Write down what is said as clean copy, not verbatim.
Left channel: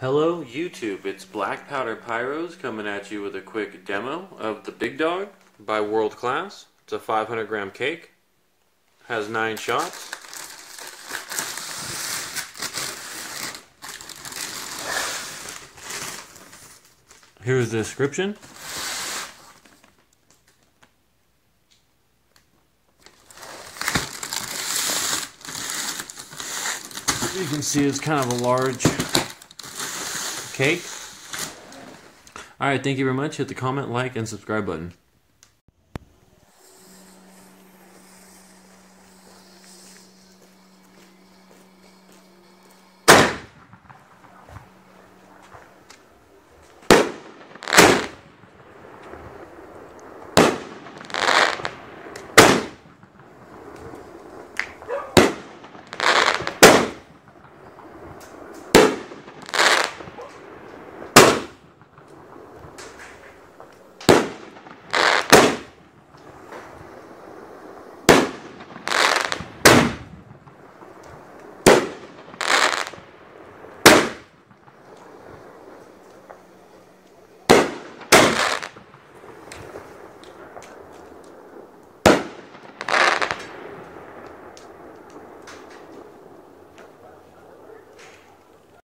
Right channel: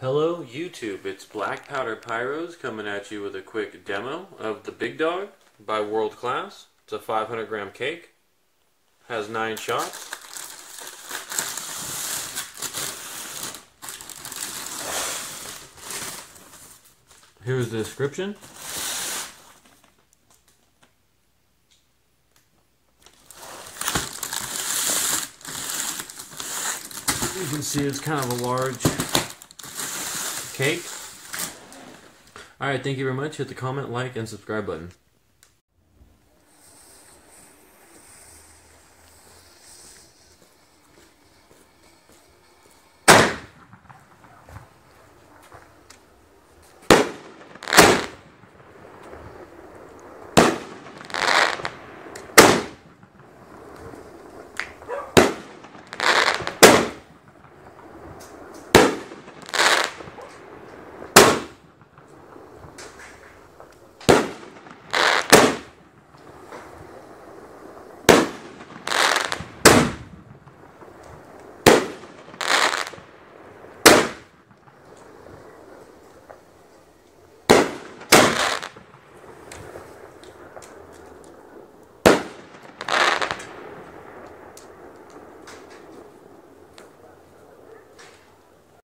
Hello YouTube, it's Black Powder Pyros coming at you with a quick demo of the Big Dog by World Class. It's a 500 gram cake, has 9 shots. Here's the description. You can see it's kind of a large cake. Alright, thank you very much. Hit the comment, like, and subscribe button.